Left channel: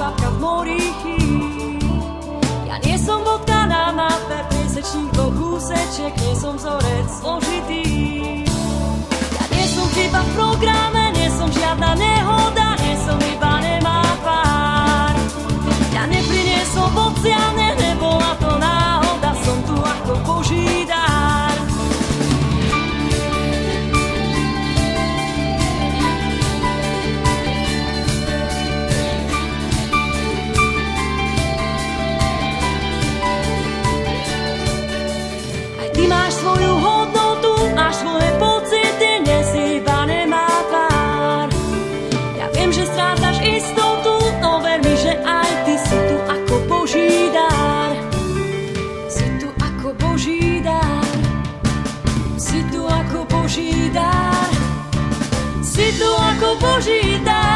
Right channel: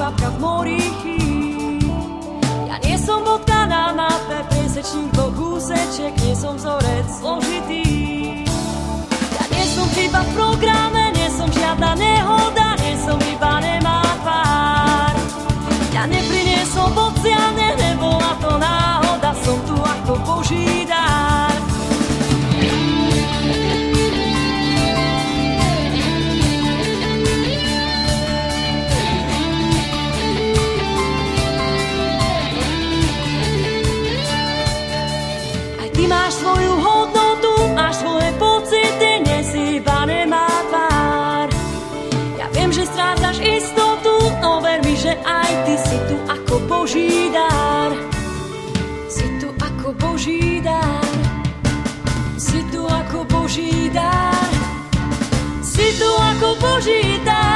kvapka v mori chýb. Ja nie som bodka na mape, priesečník dvoch úsečiek, nie som vzorec zložitý. Ja nie som chyba v programe, nie som žiadna nehoda, nie som iba nemá tvár. Ja nepriniesol bociane, nebola to náhoda, som tu ako Boží dar. Ty máš svoju hodnotu, máš svoje pocity, nie si iba nemá tvár. Ja viem, že strácaš istotu, no ver mi, že aj ty si tu ako Boží dar. Si tu ako Boží dar. Si tu ako Boží dar. Si tu ako Boží dar.